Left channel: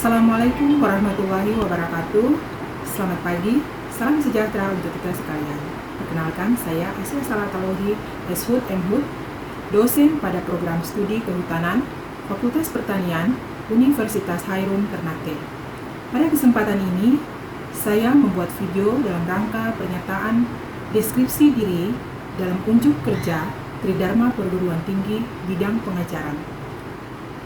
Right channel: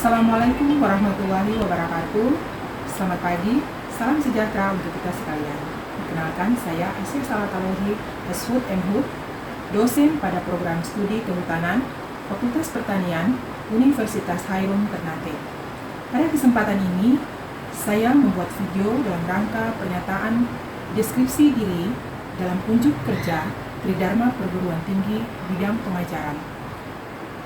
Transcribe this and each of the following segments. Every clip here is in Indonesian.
Assalamualaikum warahmatullahi wabarakatuh. Selamat pagi, salam sejahtera untuk kita sekalian. Perkenalkan, saya Aisyah Salatalohi, Ashud M.Hud, dosen pada program studi kehutanan Fakultas Pertanian Universitas Hairul Ternate. Pada kesempatan ini, saya membuat video dalam rangka pernyataan deskripsi diri dalam unjuk kerja Tridharma Perguruan Tinggi bidang pengajaran.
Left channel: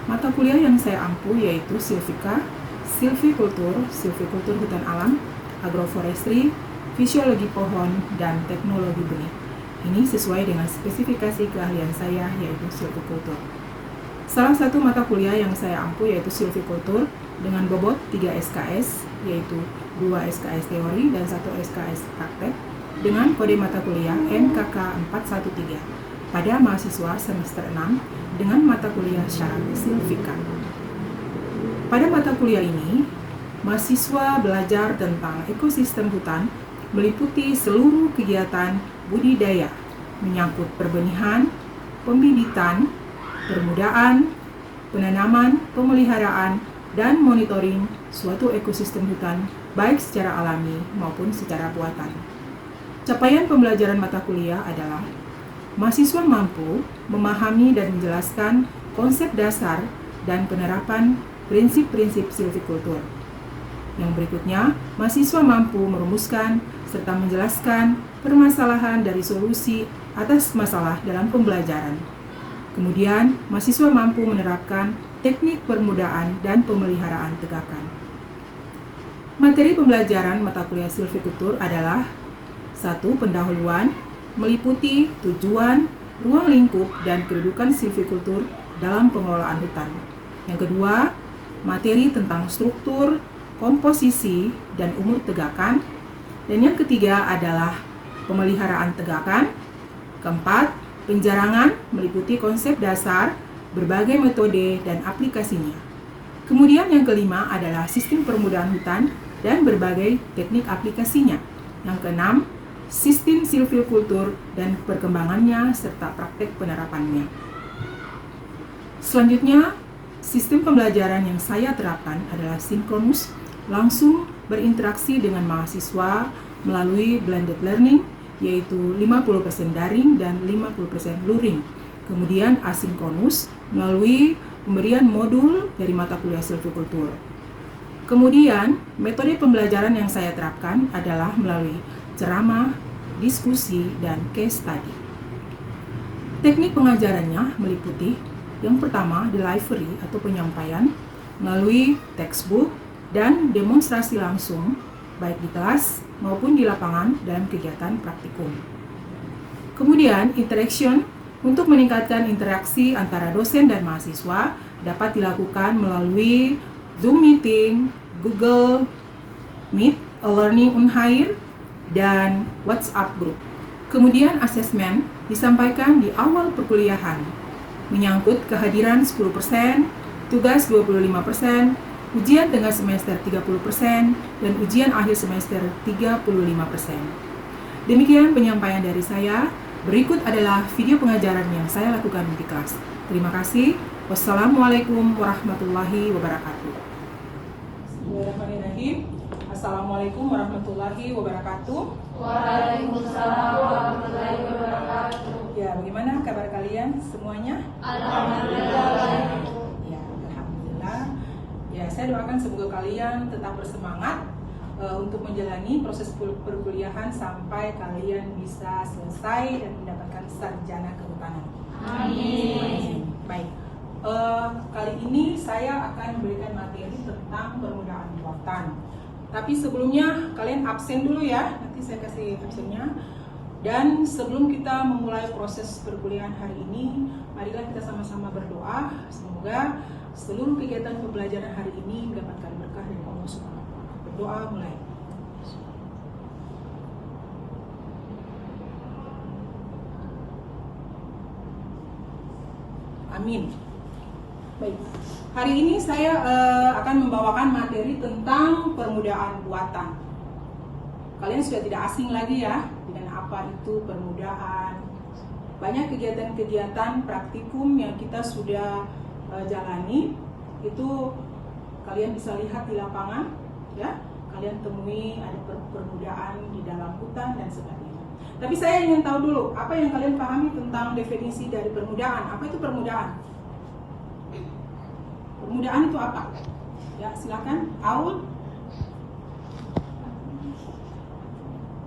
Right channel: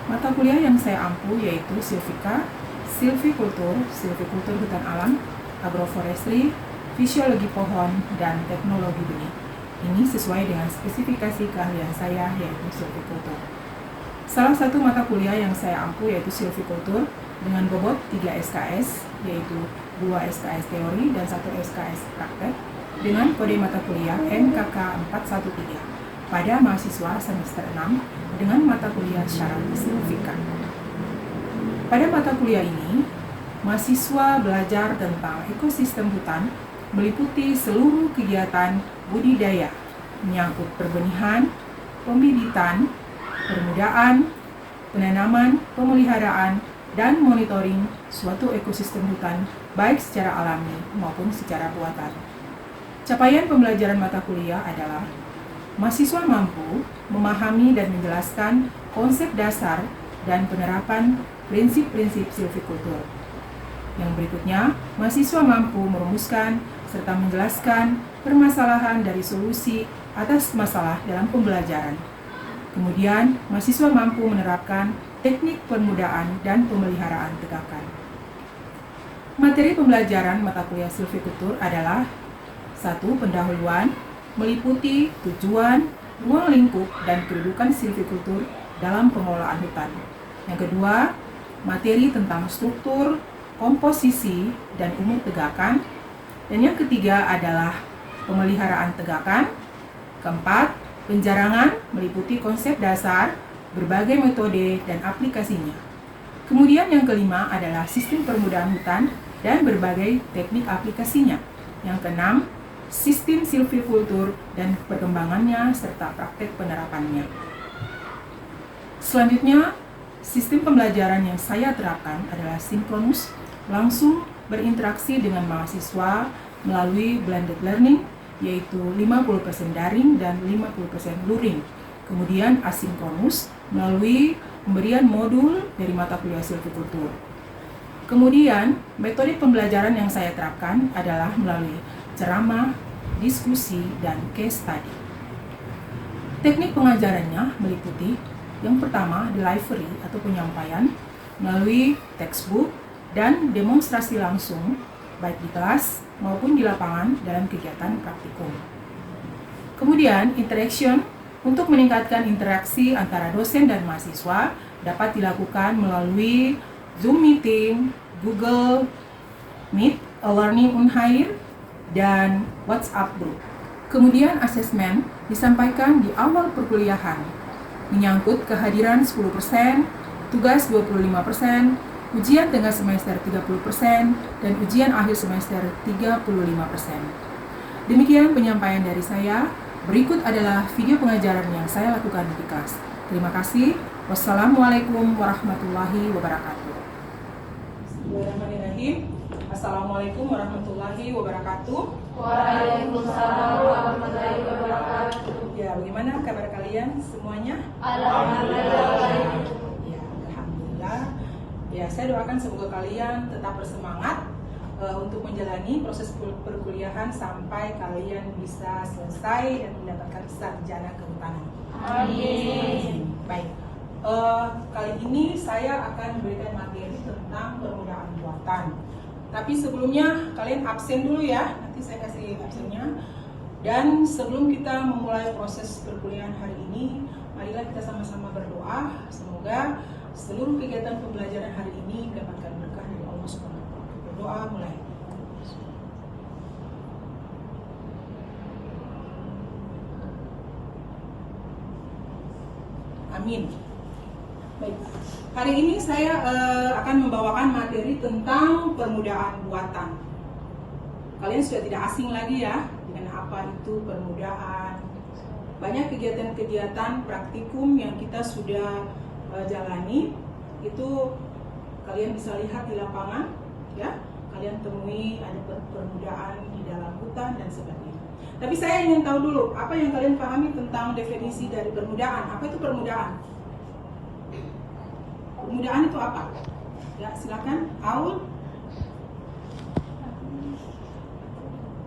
Mata kuliah yang saya ampuh yaitu Silvika, Silvikultur, Silvikultur Hutan Alam, Agroforestry, Fisiologi Pohon, dan Teknologi Benih. Ini sesuai dengan spesifikasi keahlian saya yaitu Silvikultur. Salah satu mata kuliah yang saya ampuh yaitu Silvikultur dengan bobot 3 SKS, yaitu 2 SKS teori dan 1 SKS praktek, dengan kode mata kuliah NKK 413 pada mahasiswa semester 6 dengan mata kuliah syarat Silvika. Pada mata kuliah ini, mahasiswa belajar tentang ekosistem hutan meliputi seluruh kegiatan budidaya, menyangkut perbenihan, pembibitan, permudaan, penanaman, pemeliharaan, dan monitoring suatu ekosistem hutan, baik secara alami maupun secara buatan. Capaian pembelajaran mata kuliah adalah mahasiswa mampu memahami dan menjelaskan konsep dasar dan penerapan prinsip-prinsip silvikultur. Yang berikutnya, mahasiswa mampu merumuskan serta menjelaskan permasalahan dari solusi atas masalah dalam pembelajaran. Kemudian, mahasiswa mampu menerapkan teknik permudaan dan pemeliharaan tegakan. Materi pembelajaran mata kuliah silvikultur adalah 1. Pendahuluan, meliputi tujuan, ruang lingkup, dan kedudukan silvikultur dalam pengelolaan hutan. Yang kedua, materi tentang struktur, komposisi, dan umur tegakan. Dan yang ketiga adalah pemeliharaan tegakan. Keempat, penjarangan, meliputi konsep dasar, berbagai metode, dan aplikasinya. Kemudian yang kelima adalah sistem permudaan hutan dan berbagai teknik aplikasinya. Yang keenam, sistem silvikultur dan perkembangannya serta praktek penerapannya. Selanjutnya, sistem pembelajaran yang saya terapkan adalah sinkronus, langsung berinteraksi dengan mahasiswa melalui blended learning, yaitu 50% daring dan 50% luring. Kemudian asinkronus melalui pemberian modul dari mata kuliah silvikultur. Kemudian, metode pembelajaran yang saya terapkan adalah melalui ceramah, diskusi, dan case study. Teknik pengajarannya meliputi yang pertama, delivery atau penyampaian melalui textbook dan demonstrasi langsung, baik di kelas maupun di lapangan dalam kegiatan praktikum. Kemudian, interaction untuk meningkatkan interaksi antara dosen dan mahasiswa dapat dilakukan melalui Zoom meeting, Google Meet, e-learning Unhair, dan WhatsApp group. Kemudian asesmen disampaikan di awal perkuliahan, menyangkut kehadiran 10%, tugas 25%, ujian tengah semester 30%, dan ujian akhir semester 35%. Demikian penyampaian dari saya. Berikut adalah video pengajaran yang saya lakukan di kelas. Terima kasih. Wassalamualaikum warahmatullahi wabarakatuh. Bismillahirrahmanirrahim. Assalamualaikum warahmatullahi wabarakatuh. Waalaikumsalam warahmatullahi wabarakatuh. Ya, bagaimana kabar kalian semuanya? Alhamdulillah. Ya, alhamdulillah. Ya, saya doakan semoga kalian tetap bersemangat untuk menjalani proses perkuliahan sampai kalian bisa selesai dan mendapatkan sarjana kehutanan. Amin. Baik. Kali ini saya akan memberikan materi tentang permudaan buatan. Tapi sebelumnya kalian absen dulu ya, nanti saya kasih absennya. Dan sebelum kita memulai proses perkuliahan hari ini, marilah kita sama-sama berdoa. Semoga seluruh kegiatan pembelajaran hari ini mendapatkan berkah dari Allah Subhanahu wa Ta'ala. Berdoa mulai. Amin. Baik, hari ini saya akan membawakan materi tentang permudaan buatan. Kalian sudah tidak asing lagi ya dengan apa itu permudaan. Banyak kegiatan-kegiatan praktikum yang kita sudah jalani itu kalian bisa lihat di lapangan, ya. Kalian temui ada permudaan di dalam hutan dan sebagainya. Tapi saya ingin tahu dulu, apa yang kalian pahami tentang definisi dari permudaan? Apa itu permudaan? Permudaan itu apa? Ya, silakan. Aul.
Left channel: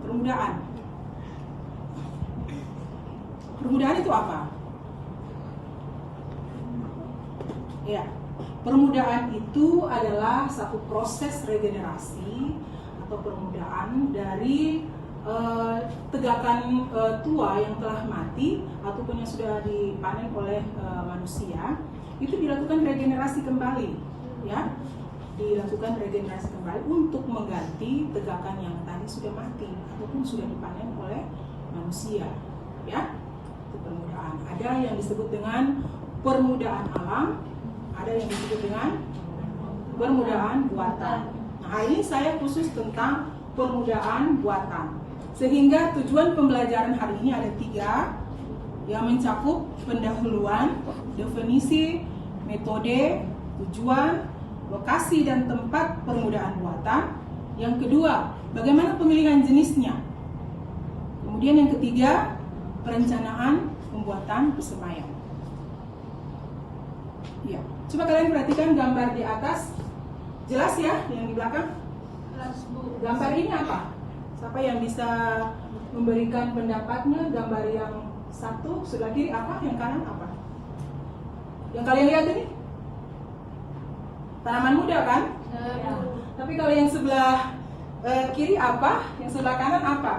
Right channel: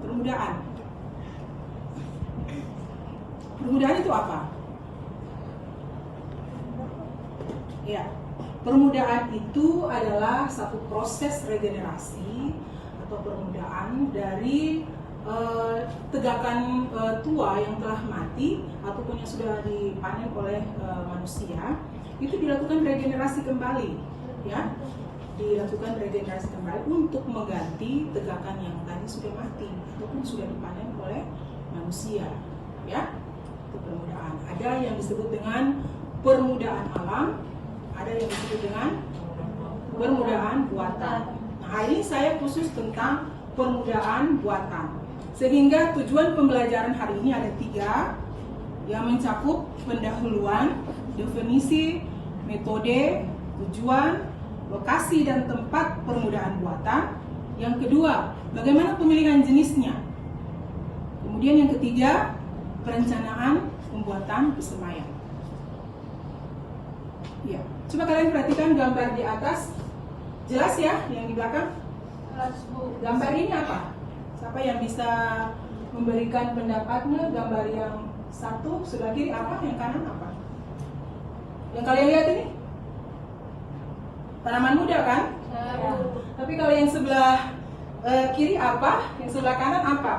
Permudaan. Permudaan itu apa? Ya, permudaan itu adalah satu proses regenerasi atau permudaan dari tegakan tua yang telah mati ataupun yang sudah dipanen oleh manusia. Itu dilakukan regenerasi kembali, ya, dilakukan regenerasi kembali untuk mengganti tegakan yang tadi sudah mati ataupun sudah dipanen oleh manusia, ya. Itu permudaan. Ada yang disebut dengan permudaan alam, ada yang disebut dengan permudaan buatan. Nah, hari ini saya khusus tentang permudaan buatan. Sehingga tujuan pembelajaran hari ini ada 3 yang mencakup pendahuluan, definisi, metode, tujuan, lokasi dan tempat permudaan buatan. Yang kedua, bagaimana pemilihan jenisnya. Kemudian yang ketiga, perencanaan pembuatan persemayan. Ya, coba kalian perhatikan gambar di atas. Jelas ya yang di belakang? Gambar ini apa? Siapa yang bisa memberikan pendapatnya? Gambar yang satu sebelah kiri apa? Yang kanan apa? Yang kalian lihat ini? Tanaman muda kan? Tapi kalau yang sebelah kiri apa? Yang sebelah kanan apa?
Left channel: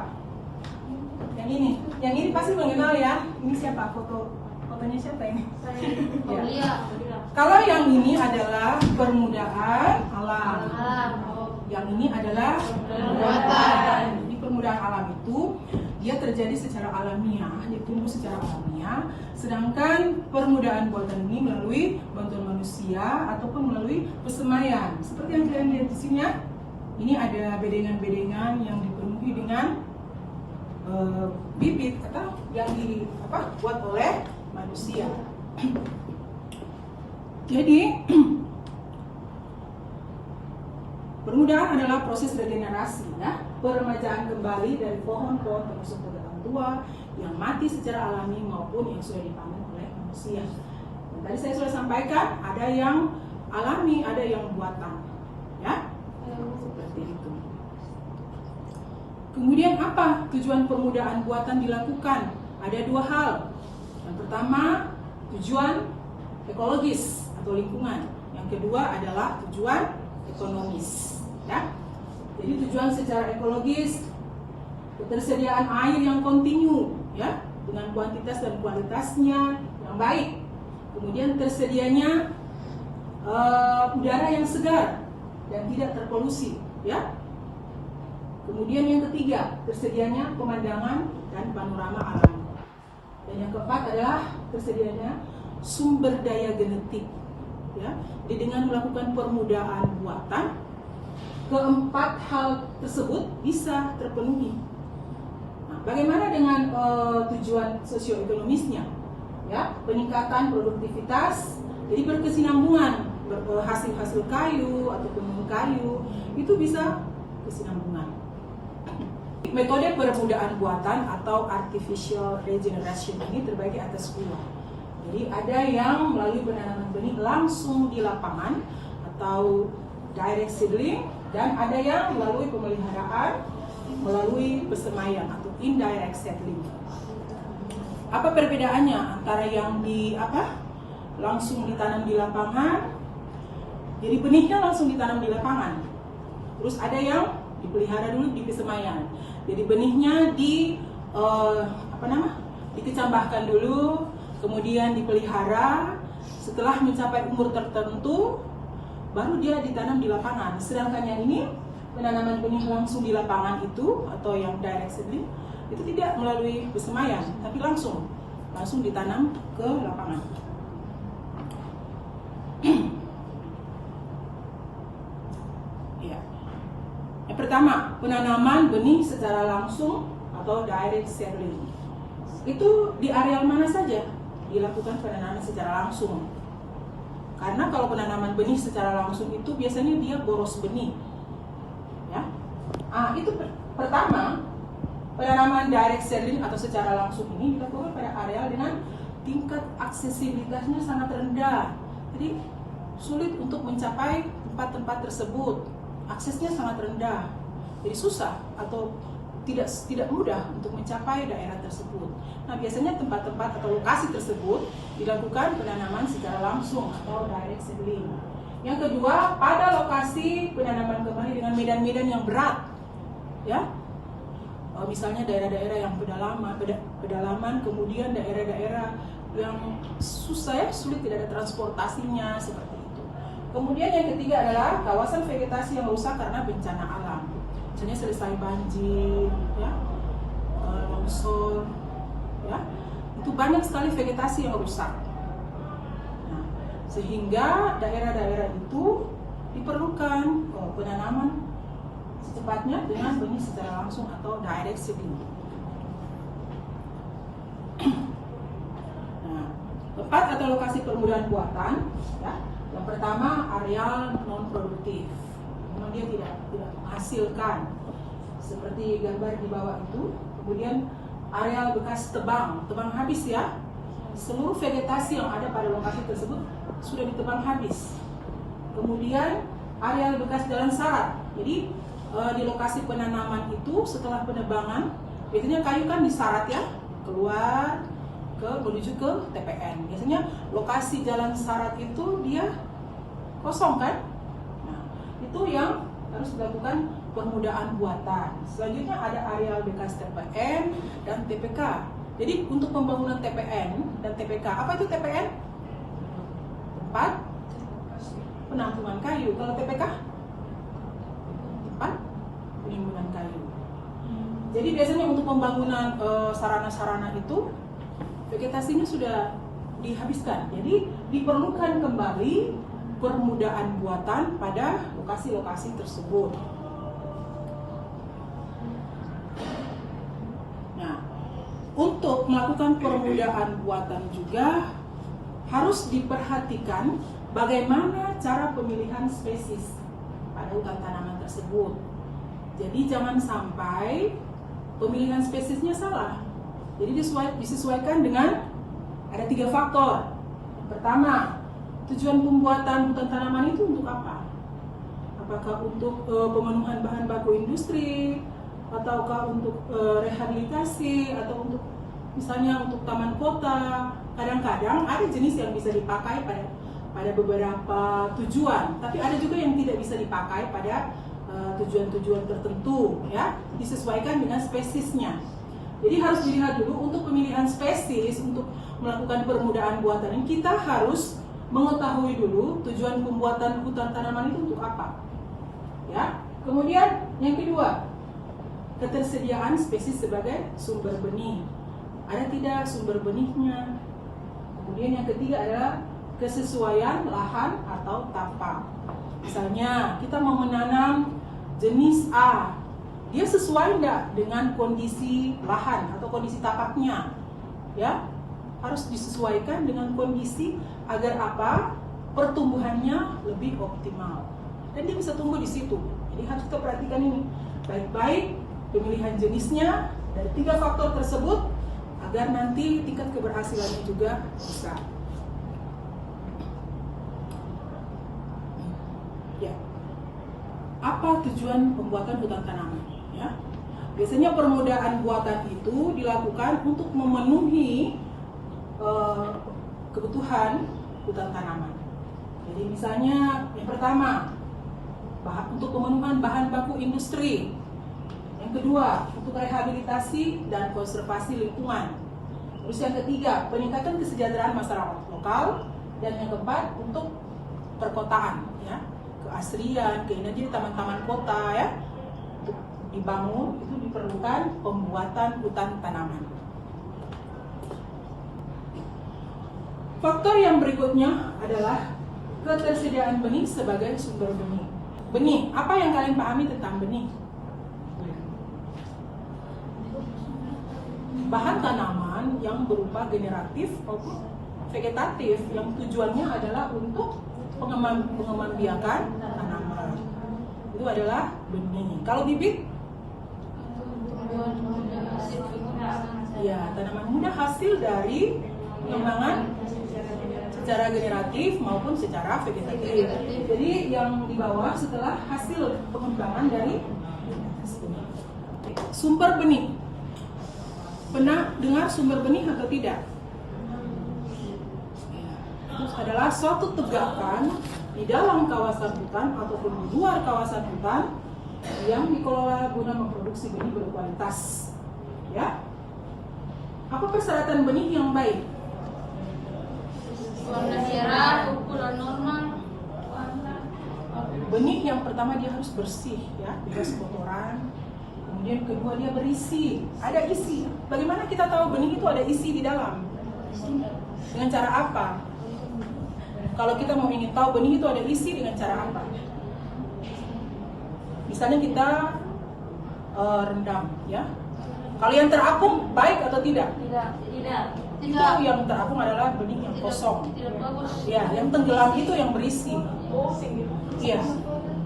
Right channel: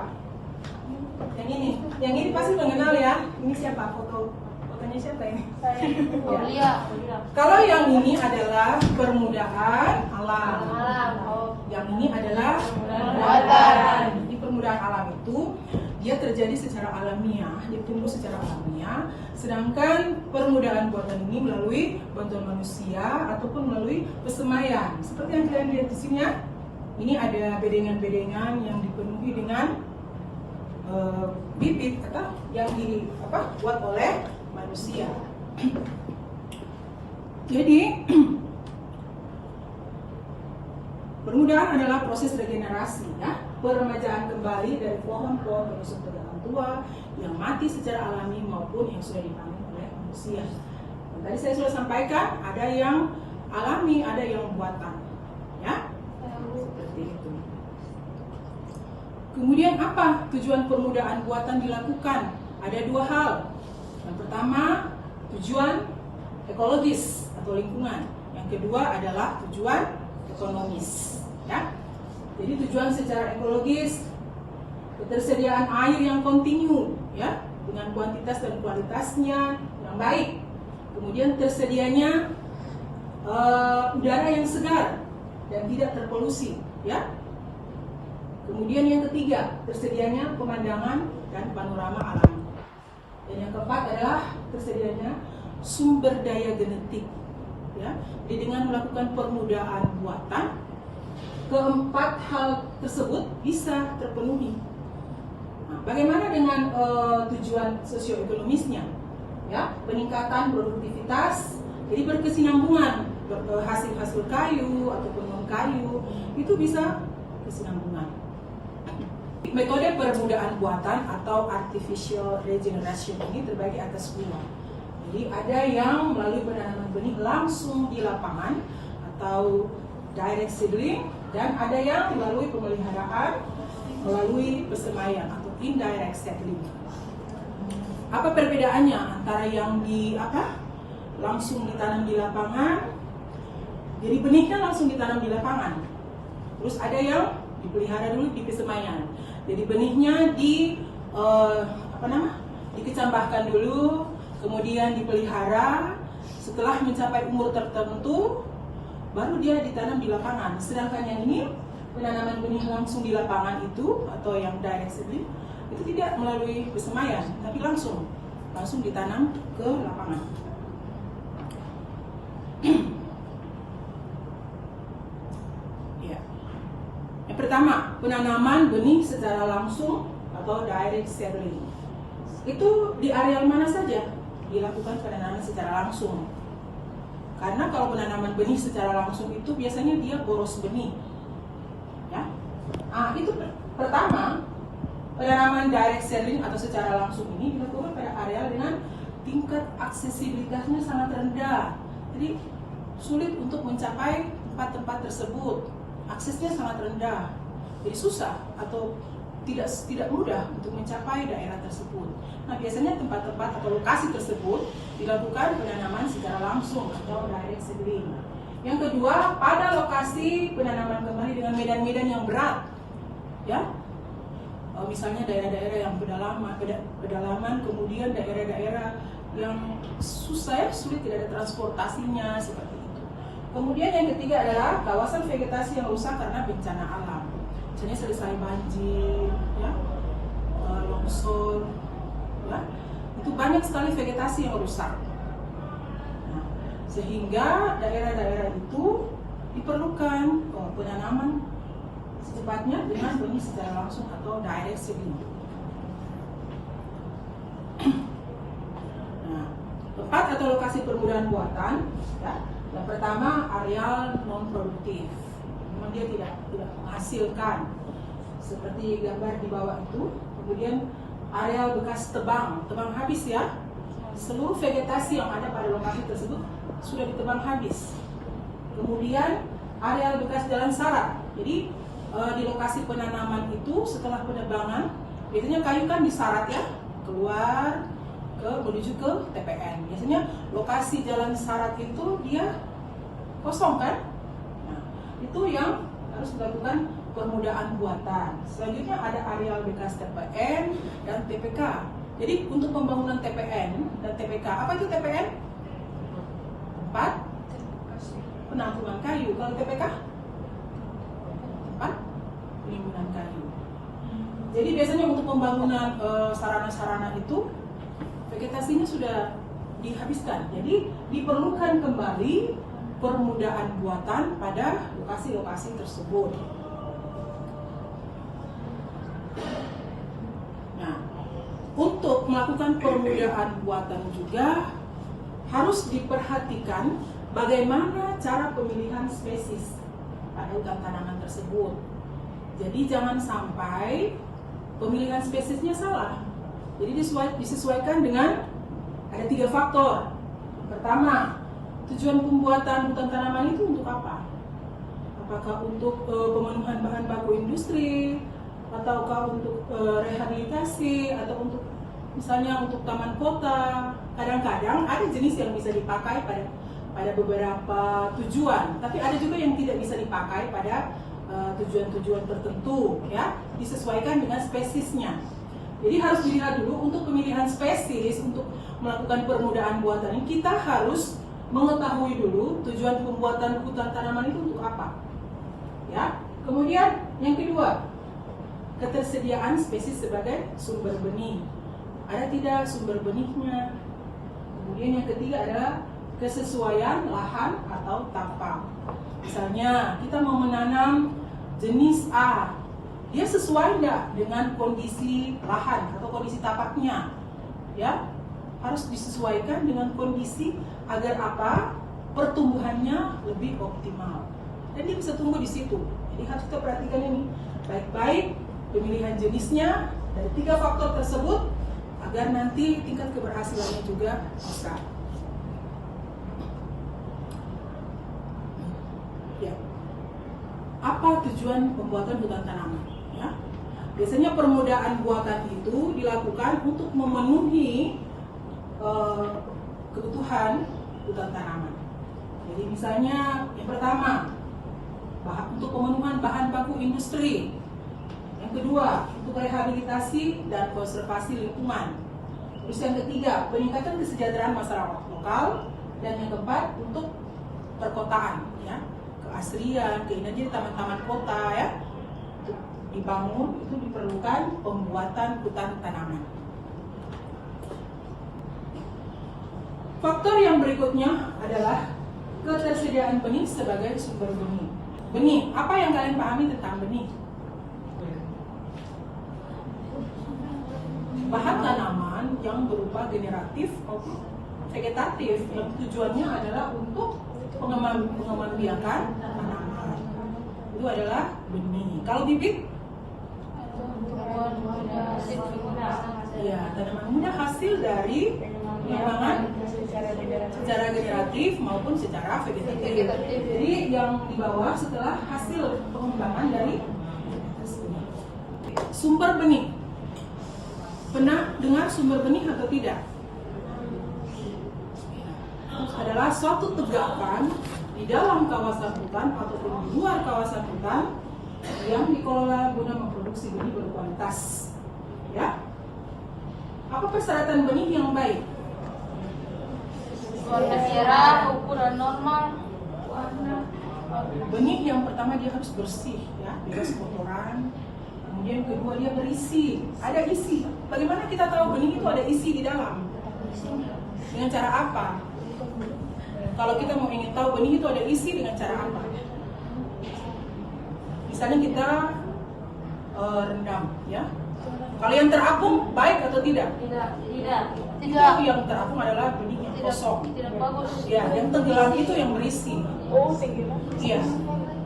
Yang ini. Yang ini pasti mengenal ya. Ini siapa? Fotonya siapa ini? Ya. Kalau yang ini adalah permudaan alam. Yang ini adalah buatan. Jadi permudaan alam itu dia terjadi secara alamiah, dia tumbuh secara alamiah. Sedangkan permudaan buatan ini melalui bantuan manusia ataupun melalui persemaian. Seperti yang kalian lihat di sini ya. Ini ada bedengan-bedengan yang dipenuhi dengan bibit atau yang dibuat oleh manusia. Jadi permudaan adalah proses regenerasi, ya, peremajaan kembali dari pohon-pohon pengusung tegakan tua yang mati secara alami maupun yang sudah dipanen oleh manusia. Dan tadi saya sudah sampaikan, ada yang alami, ada yang buatan, ya, seperti itu. Kemudian apa tujuan permudaan buatan dilakukan? Ada 2 hal. Yang pertama, tujuan ekologis atau lingkungan. Yang kedua adalah tujuan ekonomis, ya. Jadi tujuan secara ekologis, ketersediaan air yang kontinu, ya, dengan kuantitas dan kualitasnya yang baik. Kemudian tersedianya udara yang segar dan tidak terpolusi, ya. Kemudian yang ketiga, tersedianya pemandangan dan panorama alam. Dan yang keempat adalah tersedianya sumber daya genetik, ya. Jadi dengan melakukan permudaan buatan, keempat hal tersebut bisa terpenuhi. Nah, bagaimana dengan tujuan sosioekonomisnya? Ya, peningkatan produktivitas, jadi berkesinambungan, hasil kayu ataupun non kayu itu bisa kesinambungan. Metode permudaan buatan atau artificial regeneration ini terbagi atas 2. Jadi ada yang melalui penanaman benih langsung di lapangan atau direct seedling, dan ada yang melalui pemeliharaan melalui persemaian atau indirect seedling. Apa perbedaannya antara yang langsung ditanam di lapangan? Jadi benihnya langsung ditanam di lapangan. Terus ada yang dipelihara dulu di persemaian. Jadi benihnya dikecambahkan dulu, kemudian dipelihara. Setelah mencapai umur tertentu, baru dia ditanam di lapangan. Sedangkan yang ini, penanaman benih langsung di lapangan itu atau yang direct seedling itu tidak melalui persemaian, tapi langsung ditanam ke lapangan. Ya. Yang pertama, penanaman benih secara langsung atau direct seedling. Itu di areal mana saja dilakukan penanaman secara langsung? Karena kalau penanaman benih secara langsung itu biasanya dia boros benih. Ya. Itu pertama, penanaman direct seedling atau secara langsung ini dilakukan pada areal dengan tingkat aksesibilitasnya sangat rendah. Jadi sulit untuk mencapai tempat-tempat tersebut. Aksesnya sangat rendah. Jadi susah atau tidak mudah untuk mencapai daerah tersebut. Nah, biasanya tempat-tempat atau lokasi tersebut dilakukan penanaman secara langsung atau direct seedling. Yang kedua, pada lokasi penanaman kembali dengan medan-medan yang berat, ya, misalnya daerah-daerah yang pedalaman, kemudian daerah-daerah yang sulit, tidak ada transportasinya seperti itu. Kemudian yang ketiga adalah kawasan vegetasi yang rusak karena bencana alam. Misalnya selesai banjir, ya, longsor, ya, itu banyak sekali vegetasi yang rusak. Nah, sehingga daerah-daerah itu diperlukan penanaman secepatnya dengan benih secara langsung atau direct seedling. Nah, tempat atau lokasi permudahan buatan, ya, yang pertama areal non produktif. Memang dia tidak menghasilkan seperti gambar di bawah itu. Kemudian areal bekas tebang habis, ya, seluruh vegetasi yang ada pada lokasi tersebut sudah ditebang habis. Kemudian areal bekas jalan syarat. Jadi di lokasi penanaman itu setelah penebangan biasanya kayu kan disyarat, ya, keluar menuju ke TPN. Biasanya lokasi jalan syarat itu dia kosong, kan? Itu yang harus dilakukan permudaan buatan. Selanjutnya ada areal bekas TPN dan TPK. Jadi untuk pembangunan TPN dan TPK, apa itu TPN? Tempat penampungan kayu. Kalau TPK? Tempat penimbunan kayu. Jadi biasanya untuk pembangunan sarana-sarana itu vegetasinya sudah dihabiskan. Jadi diperlukan kembali permudaan buatan pada lokasi-lokasi tersebut. Nah, untuk melakukan permudaan buatan juga harus diperhatikan bagaimana cara pemilihan spesies pada hutan tanaman tersebut. Jadi jangan sampai pemilihan spesiesnya salah. Jadi disesuaikan dengan ada 3 faktor. Pertama, tujuan pembuatan hutan tanaman itu untuk apa? Apakah untuk pemenuhan bahan baku industri, ataukah untuk rehabilitasi, atau untuk misalnya untuk taman kota? Kadang-kadang ada jenis yang bisa dipakai pada beberapa tujuan, tapi ada juga yang tidak bisa dipakai pada tujuan-tujuan tertentu, ya, disesuaikan dengan spesiesnya. Jadi harus dilihat dulu untuk pemilihan spesies untuk melakukan permudaan buatan ini kita harus mengetahui dulu tujuan pembuatan hutan tanaman itu untuk apa, ya. Kemudian yang kedua, ketersediaan spesies sebagai sumber benih, ada tidak sumber benihnya. Kemudian yang ketiga adalah kesesuaian lahan atau tapak. Misalnya kita mau menanam jenis A, dia sesuai nggak dengan kondisi lahan atau kondisi tapaknya, ya, harus disesuaikan dengan kondisi agar apa? Pertumbuhannya lebih optimal dan dia bisa tumbuh di situ. Jadi harus kita perhatikan ini baik-baik pemilihan jenisnya dari 3 faktor tersebut agar nanti tingkat keberhasilannya juga bisa. Ya. Apa tujuan pembuatan hutan tanaman? Ya. Biasanya permudaan buatan itu dilakukan untuk memenuhi kebutuhan hutan tanaman. Jadi misalnya yang pertama, untuk pemenuhan bahan baku industri. Yang kedua, untuk rehabilitasi dan konservasi lingkungan. Terus yang ketiga, peningkatan kesejahteraan masyarakat lokal. Dan yang keempat, untuk perkotaan, ya, keasrian, keindahan taman-taman kota, ya, untuk dibangun itu diperlukan pembuatan hutan tanaman. Faktor yang berikutnya adalah ketersediaan benih sebagai sumber benih. Benih, apa yang kalian pahami tentang benih? Bahan tanaman yang berupa generatif maupun vegetatif yang tujuannya adalah untuk pengembangbiakan tanaman. Itu adalah benih. Kalau bibit, ya tanaman muda hasil dari pengembangan secara generatif maupun secara vegetatif. Jadi yang di bawah setelah hasil pengembangan dari sumber benih. Pernah dengar sumber benih atau tidak? Itu adalah suatu tegakan di dalam kawasan hutan ataupun di luar kawasan hutan yang dikelola guna memproduksi benih berkualitas. Ya. Apa persyaratan benih yang baik? Warna ukuran normal. Benih yang pertama dia harus bersih, ya, bebas kotoran. Kemudian kedua dia berisi, ada isi. Bagaimana kita tahu benih itu ada isi di dalam? Dengan cara apa? Kalau kita mau ingin tahu benih itu ada isi dengan cara apa? Misalnya kita rendam, ya. Kalau yang terapung baik atau tidak? Itu yang terapung adalah benih yang kosong. Tidak bagus. Ya, yang tenggelam itu yang berisi. Iya.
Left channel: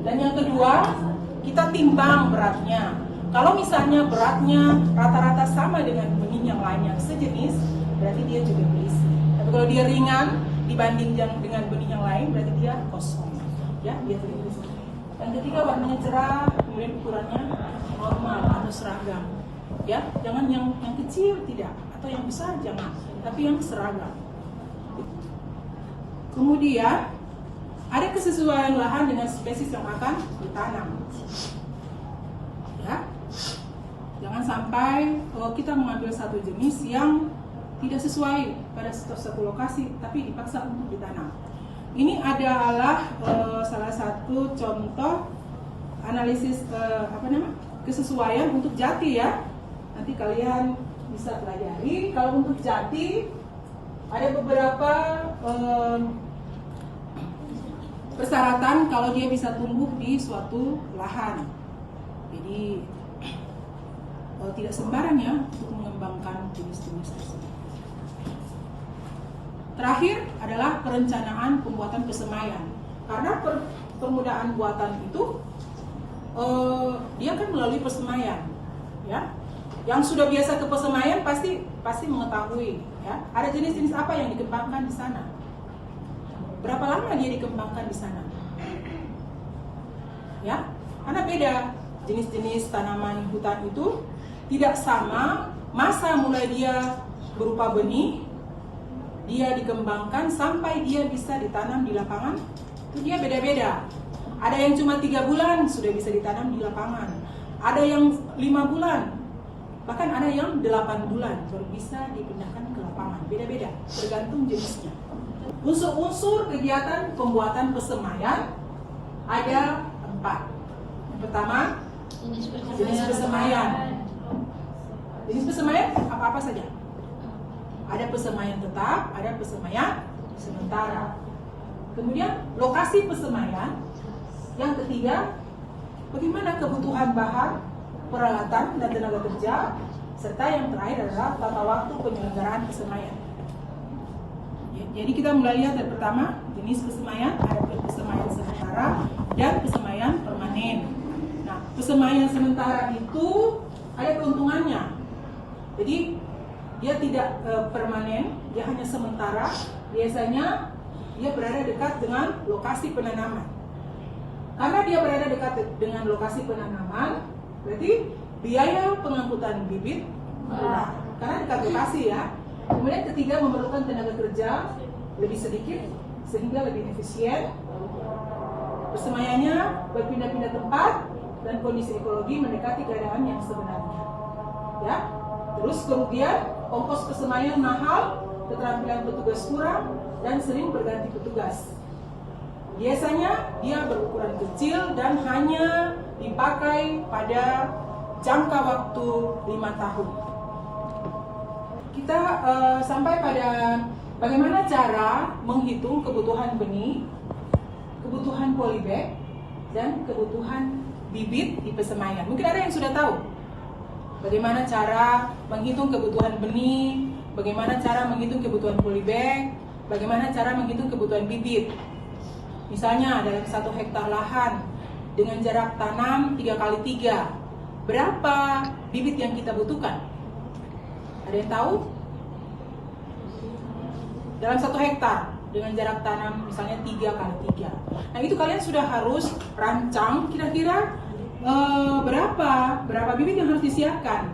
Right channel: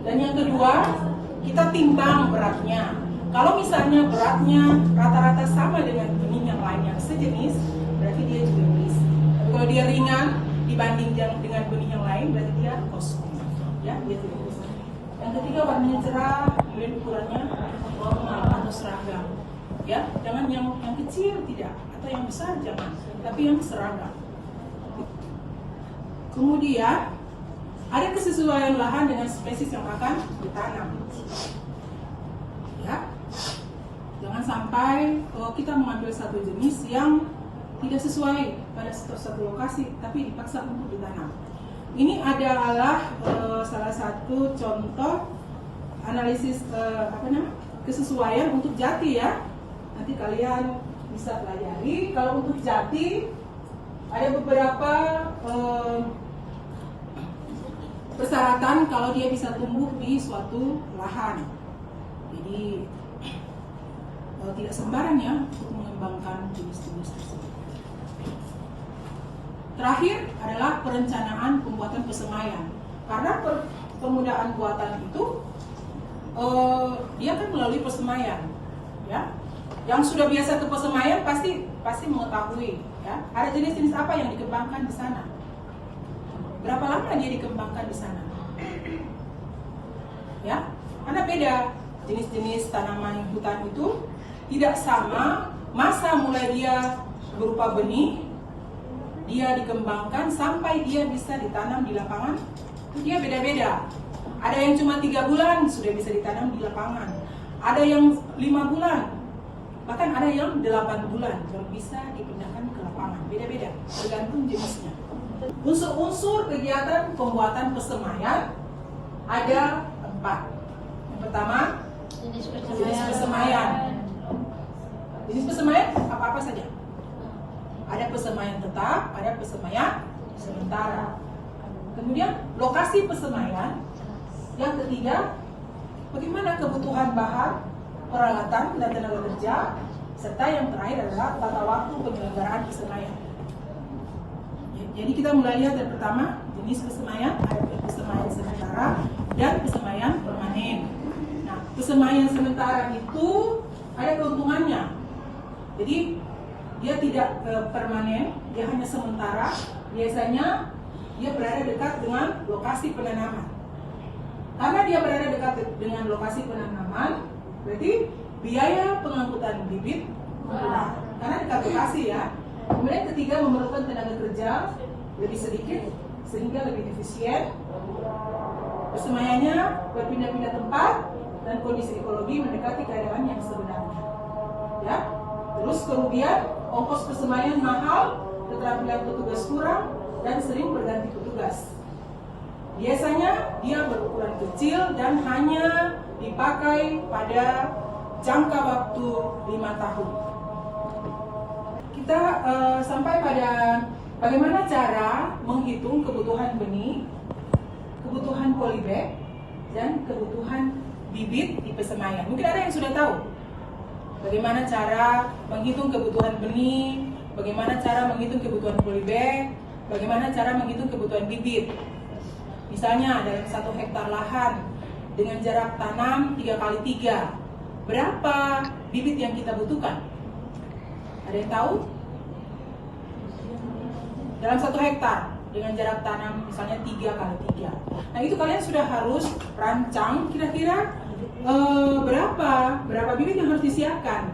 Dan yang kedua, kita timbang beratnya. Kalau misalnya beratnya rata-rata sama dengan benih yang lain yang sejenis, berarti dia juga berisi. Tapi kalau dia ringan dibanding dengan benih yang lain, berarti dia kosong. Ya, dia tidak berisi. Yang ketiga, warnanya cerah, kemudian ukurannya normal atau seragam. Ya, jangan yang kecil tidak, atau yang besar jangan, tapi yang seragam. Kemudian ada kesesuaian lahan dengan spesies yang akan ditanam. Ya, jangan sampai kalau kita mengambil satu jenis yang tidak sesuai pada satu lokasi, tapi dipaksa untuk ditanam. Ini adalah salah satu contoh analisis kesesuaian untuk jati, ya. Nanti kalian bisa pelajari. Kalau untuk jati ada beberapa persyaratan kalau dia bisa tumbuh di suatu lahan. Jadi tidak sembarang, ya, untuk mengembangkan jenis-jenis tersebut. Terakhir adalah perencanaan pembuatan pesemaian. Karena permudahan buatan itu dia kan melalui pesemaian, ya. Yang sudah biasa ke pesemaian pasti mengetahui, ya, ada jenis-jenis apa yang dikembangkan di sana. Berapa lama dia dikembangkan di sana? Ya, karena beda. Jenis-jenis tanaman hutan itu tidak sama masa mulai dia berupa benih, dia dikembangkan sampai dia bisa ditanam di lapangan, itu dia beda-beda. Ada yang cuma 3 bulan sudah bisa ditanam di lapangan, ada yang 5 bulan, bahkan ada yang 8 bulan baru bisa dipindahkan ke lapangan. Beda-beda, tergantung jenisnya. Unsur-unsur kegiatan pembuatan pesemaian ada 4. Yang pertama, jenis pesemaian. Jenis pesemaian apa-apa saja. Ada pesemaian tetap, ada pesemaian sementara. Kemudian lokasi pesemaian. Yang ketiga, bagaimana kebutuhan bahan, peralatan, dan tenaga kerja. Serta yang terakhir adalah tata waktu penyelenggaraan pesemaian. Jadi kita mulai lihat yang pertama, jenis pesemaian, ada pesemaian sementara dan pesemaian permanen. Nah, pesemaian sementara itu ada keuntungannya. Jadi dia tidak permanen, dia hanya sementara. Biasanya dia berada dekat dengan lokasi penanaman. Karena dia berada dekat dengan lokasi penanaman, berarti biaya pengangkutan bibit murah. Karena dekat lokasi, ya. Kemudian ketiga, memerlukan tenaga kerja lebih sedikit sehingga lebih efisien. Pesemaiannya berpindah-pindah tempat dan kondisi ekologi mendekati keadaan yang sebenarnya. Ya. Terus kemudian ongkos pesemaian mahal, keterampilan petugas kurang dan sering berganti petugas. Biasanya dia berukuran kecil dan hanya dipakai pada jangka waktu 5 tahun. Kita sampai pada bagaimana cara menghitung kebutuhan benih, kebutuhan polybag, dan kebutuhan bibit di pesemaian. Mungkin ada yang sudah tahu bagaimana cara menghitung kebutuhan benih, bagaimana cara menghitung kebutuhan polybag, bagaimana cara menghitung kebutuhan bibit. Misalnya dalam 1 hektar lahan dengan jarak tanam 3x3, berapa bibit yang kita butuhkan? Ada yang tahu? Dalam 1 hektar dengan jarak tanam misalnya 3x3. Nah itu kalian sudah harus rancang kira-kira berapa bibit yang harus disiapkan.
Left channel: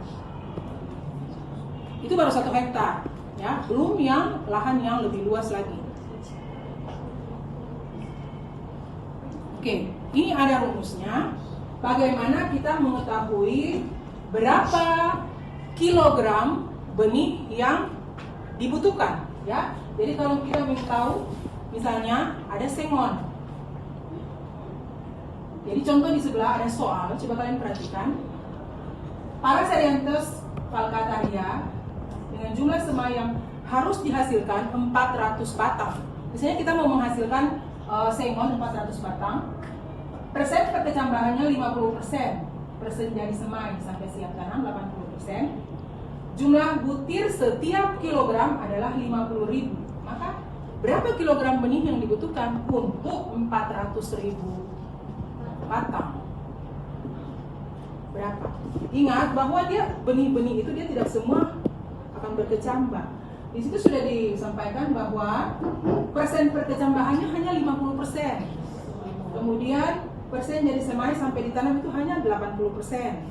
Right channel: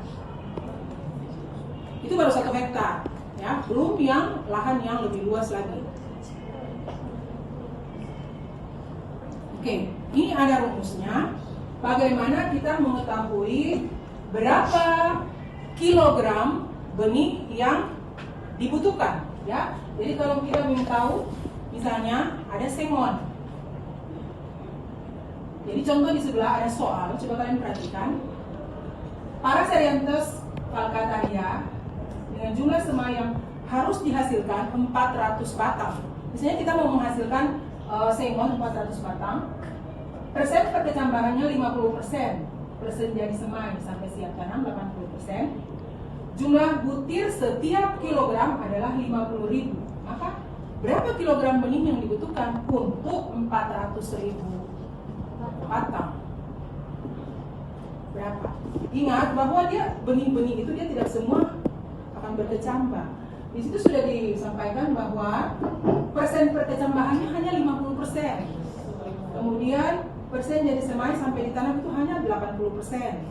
Itu baru 1 hektar, ya, belum yang lahan yang lebih luas lagi. Oke, ini ada rumusnya. Bagaimana kita mengetahui berapa kilogram benih yang dibutuhkan, ya? Jadi kalau kita ingin tahu, misalnya ada sengon. Jadi contoh di sebelah ada soal, coba kalian perhatikan. Paraceranthus falcataria dengan jumlah semai yang harus dihasilkan 400 batang. Misalnya kita mau menghasilkan sengon 400 batang, persen perkecambahannya 50%, persen jadi semai sampai siap tanam 80%, jumlah butir setiap kilogram adalah 50.000. Maka berapa kilogram benih yang dibutuhkan untuk 400.000 batang? Berapa? Ingat bahwa dia benih-benih itu dia tidak semua akan berkecambah. Di situ sudah disampaikan bahwa persen perkecambahannya hanya 50%. Kemudian persen jadi semai sampai ditanam itu hanya 80%.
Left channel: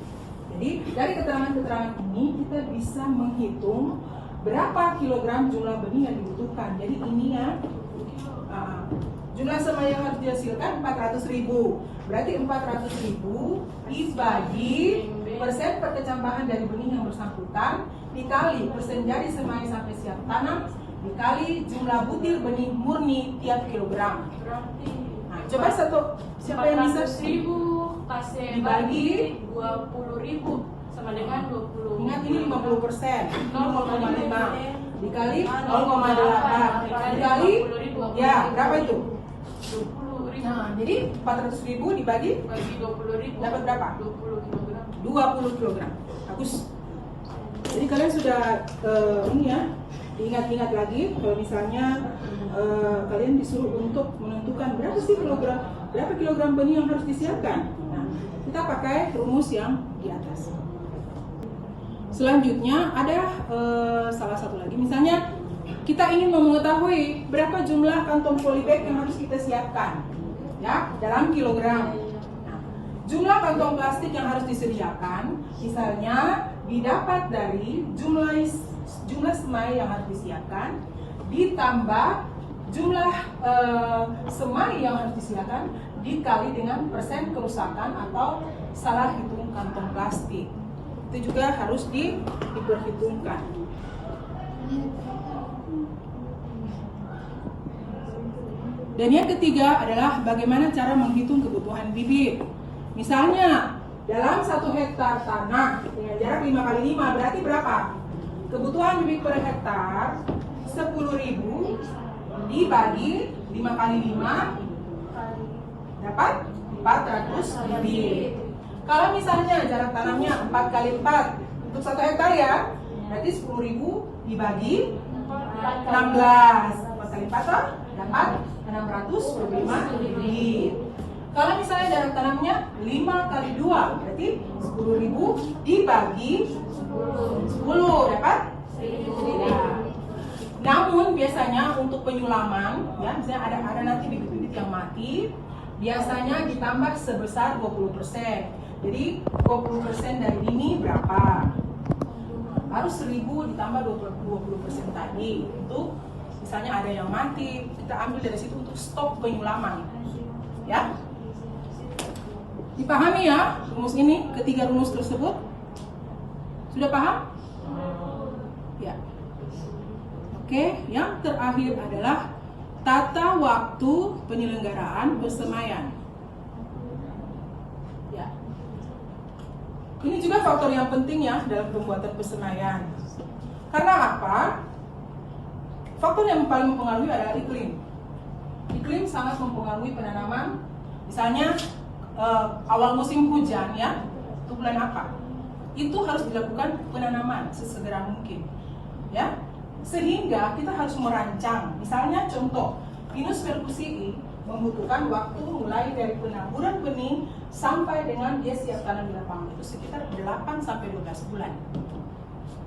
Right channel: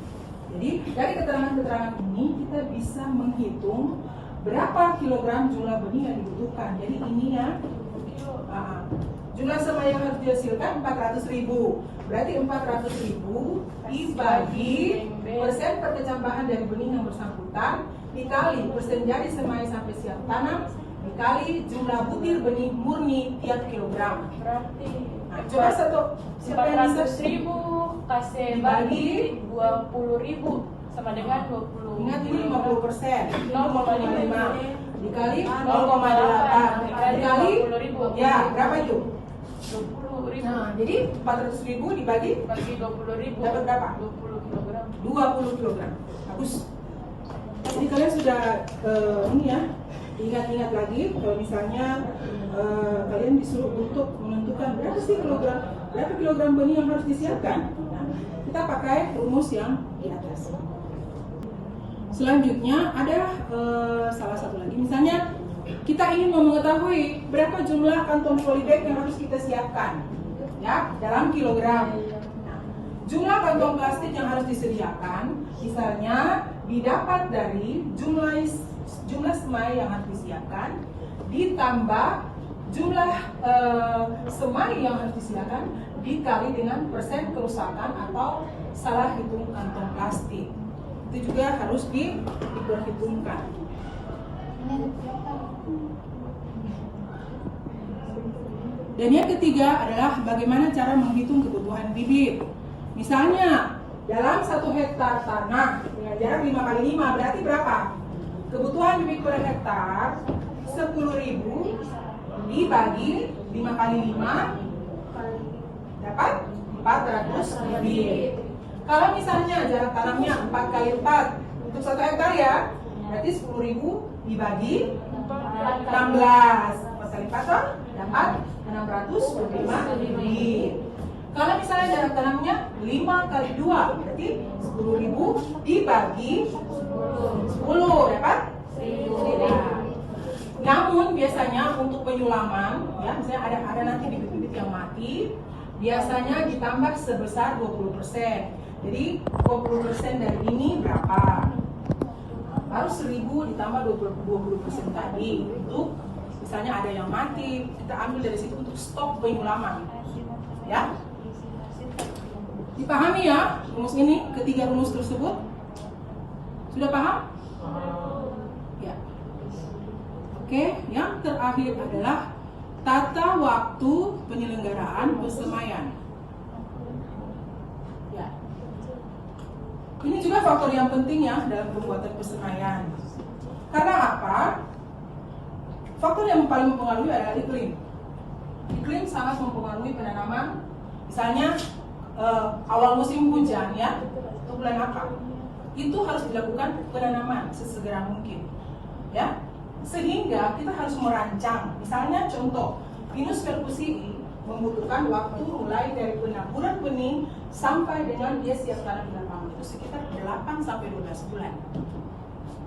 Jadi dari keterangan-keterangan ini kita bisa menghitung berapa kilogram jumlah benih yang dibutuhkan. Jadi ini ya, jumlah semai yang harus dihasilkan 400.000. Berarti 400.000 dibagi persen perkecambahan dari benih yang bersangkutan dikali persen jadi semai sampai siap tanam dikali jumlah butir benih murni tiap kilogram. Nah, coba siapa yang bisa 400.000 kasih dibagi 20.000 sama dengan 20. Ingat ini 50%, 0,5 dikali 0,8 dikali ya berapa itu? 20.000. Nah, jadi 400.000 dibagi Bagi 20.000 dapat berapa? 20 kg. 20 kg. Bagus. Jadi kalian sudah ini ya, diingat-ingat lagi kalau misalnya kalian disuruh untuk menentukan berapa kilogram benih yang harus disiapkan. Nah, kita pakai rumus yang di atas. Selanjutnya ada salah satu lagi, misalnya kita ingin mengetahui berapa jumlah kantong polybag yang harus kita siapkan, ya, dalam kilogram. Nah, jumlah kantong plastik yang harus disediakan, misalnya didapat dari jumlah semai yang harus disiapkan ditambah jumlah semai yang harus disediakan dikali dengan persen kerusakan atau salah hitung kantong plastik. Itu juga harus diperhitungkan. Dan yang ketiga adalah bagaimana cara menghitung kebutuhan bibit. Misalnya dalam 1 hektar tanah dengan jarak 5x5 berarti berapa? Kebutuhan bibit per hektar 10.000 dibagi 5x5 dapat 400 bibit. Kalau misalnya jarak tanamnya 4x4 untuk 1 hektar ya, berarti 10.000 dibagi 16. 4x4 dapat 625 bibit. Kalau misalnya jarak tanamnya 5x2, berarti 10.000 dibagi 10 dapat 1.000. Namun biasanya untuk penyulaman, ya, misalnya ada nanti bibit-bibit yang mati, biasanya ditambah sebesar 20%. Jadi 20% dari ini berapa? Harus 1.000 ditambah 20% tadi. Untuk misalnya ada yang mati, kita ambil dari situ untuk stok penyulaman. Ya. Dipahami ya rumus ini, ketiga rumus tersebut? Sudah paham? Ya. Oke, yang terakhir adalah tata waktu penyelenggaraan persemaian. Ya. Ini juga faktor yang penting ya dalam pembuatan persemaian. Karena apa? Faktor yang paling mempengaruhi adalah iklim. Iklim sangat mempengaruhi penanaman. Misalnya awal musim hujan ya, itu bulan apa? Itu harus dilakukan penanaman sesegera mungkin. Ya. Sehingga kita harus merancang. Misalnya contoh, Pinus merkusii membutuhkan waktu mulai dari penaburan benih sampai dengan dia siap tanam di lapangan itu sekitar 8 sampai 12 bulan.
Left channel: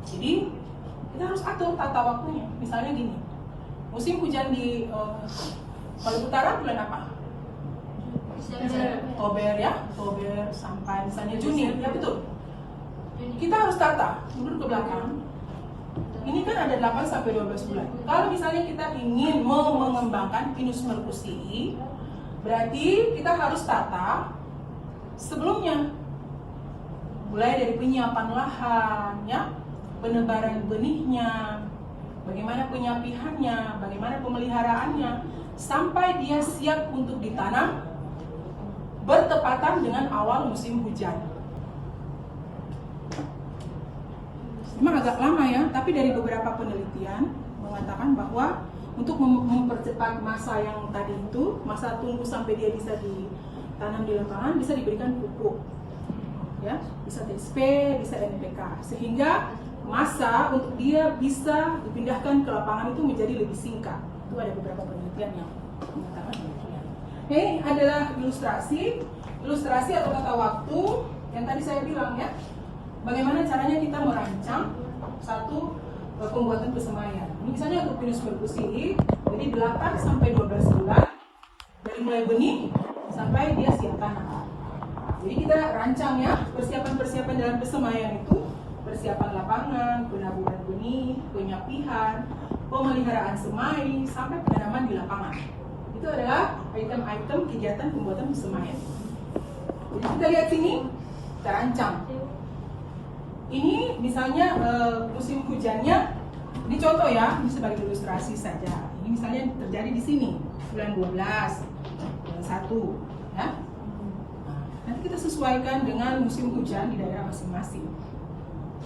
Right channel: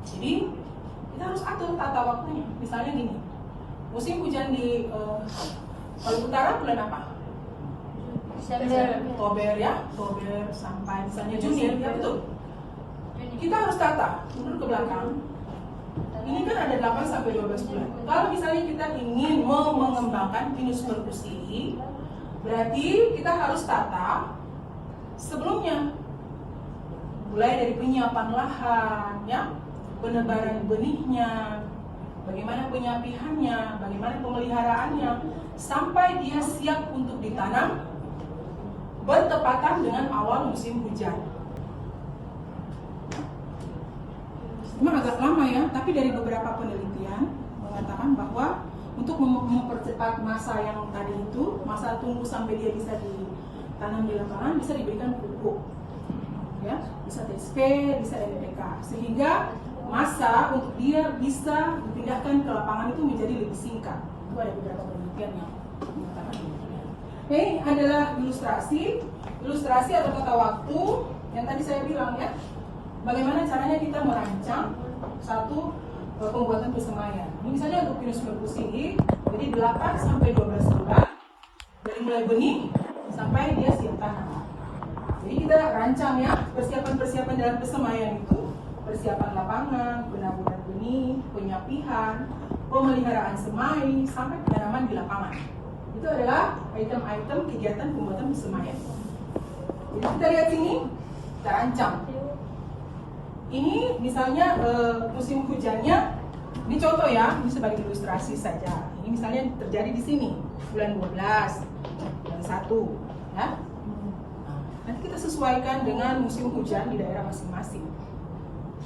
Jadi kita harus atur tata waktunya. Misalnya gini, musim hujan di Maluku Utara bulan apa? Oktober ya, Oktober sampai misalnya Juni, ya betul. Kita harus tata mundur ke belakang. Ini kan ada 8 sampai 12 bulan. Kalau misalnya kita ingin mengembangkan Pinus merkusii, berarti kita harus tata sebelumnya. Mulai dari penyiapan lahan, ya, penebaran benihnya, bagaimana penyapihannya, bagaimana pemeliharaannya, sampai dia siap untuk ditanam bertepatan dengan awal musim hujan. Memang agak lama ya, tapi dari beberapa penelitian mengatakan bahwa untuk mempercepat masa yang tadi itu, masa tunggu sampai dia bisa ditanam di lapangan, bisa diberikan pupuk, ya, bisa TSP, bisa NPK, sehingga masa untuk dia bisa dipindahkan ke lapangan itu menjadi lebih singkat. Itu ada beberapa penelitian yang mengatakan demikian. Ini adalah ilustrasi atau tata waktu yang tadi saya bilang ya. Bagaimana caranya kita merancang satu pembuatan persemaian. Ini misalnya untuk Pinus merkusii, jadi 8 sampai 12 bulan dari mulai benih sampai dia siap tanam. Jadi kita rancang ya persiapan-persiapan dalam persemaian itu, persiapan lapangan, penaburan benih, penyapihan, pemeliharaan semai sampai penanaman di lapangan. Itu adalah item-item kegiatan pembuatan persemaian. Jadi kita lihat sini, kita rancang. Ini misalnya musim hujannya, ini contoh ya, ini sebagai ilustrasi saja. Ini misalnya terjadi di sini, bulan 12, bulan 1, ya. Nanti kita sesuaikan dengan musim hujan di daerah masing-masing.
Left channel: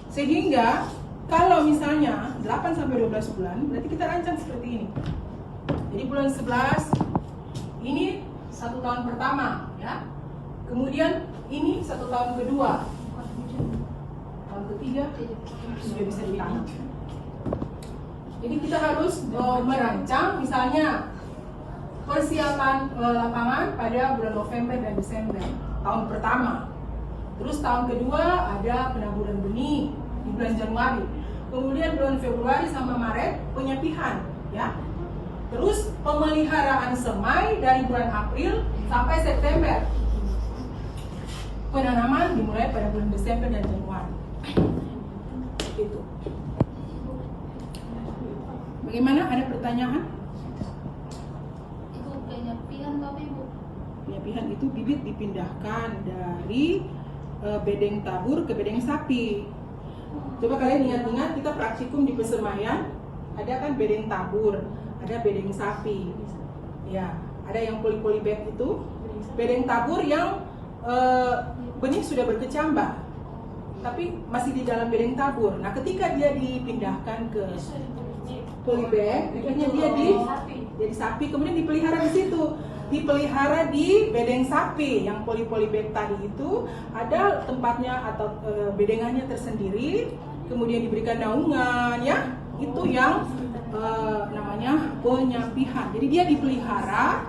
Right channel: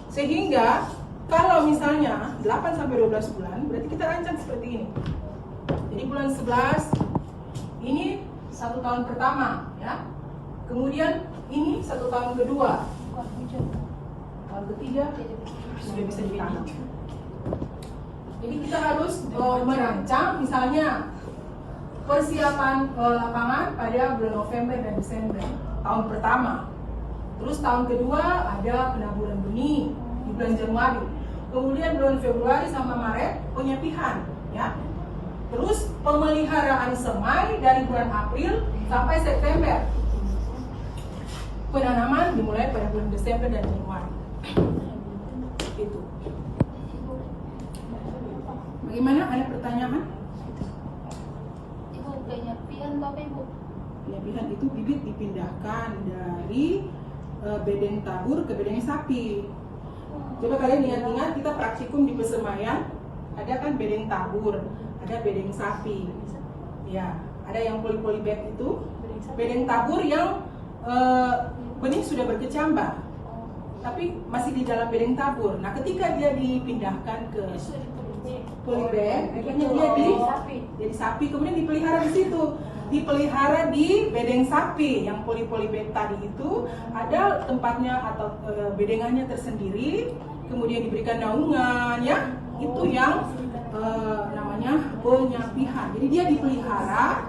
Sehingga kalau misalnya 8 sampai 12 bulan, berarti kita rancang seperti ini. Jadi bulan 11 ini 1 tahun pertama, ya. Kemudian ini 1 tahun kedua. Tahun ketiga sudah bisa ditanam. Jadi kita harus merancang misalnya persiapan lapangan pada bulan November dan Desember tahun pertama. Terus tahun kedua ada penaburan benih di bulan Januari. Kemudian bulan Februari sampai Maret penyapihan, ya. Terus pemeliharaan semai dari bulan April sampai September. Penanaman dimulai pada bulan Desember dan Januari. Itu. Bagaimana? Ada pertanyaan? Itu penyapian apa Ibu? Penyapihan itu bibit dipindahkan dari bedeng tabur ke bedeng sapi. Coba kalian ingat-ingat kita praktikum di persemaian, ada kan bedeng tabur, ada bedeng sapi. Ya, ada yang poli-poli bag itu, bedeng tabur yang benih sudah berkecambah, tapi masih di dalam bedeng tabur. Nah, ketika dia dipindahkan ke polybag, akhirnya dia jadi sapi, kemudian dipelihara di situ. Dipelihara di bedeng sapi yang poli-bag tadi itu ada tempatnya atau bedengannya tersendiri, kemudian diberikan naungan, ya. Itu yang namanya penyapihan. Jadi dia dipelihara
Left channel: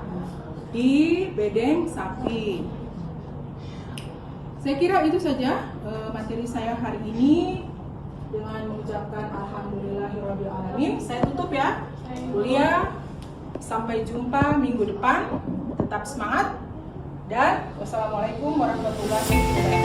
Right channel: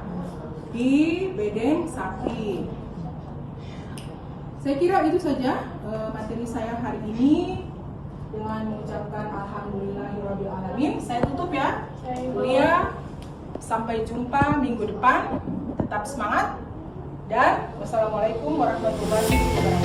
di bedeng sapi. Saya kira itu saja materi saya hari ini. Dengan mengucapkan alhamdulillahirabbil alamin, saya tutup ya kuliah. Sampai jumpa minggu depan. Tetap semangat dan wassalamualaikum warahmatullahi wabarakatuh.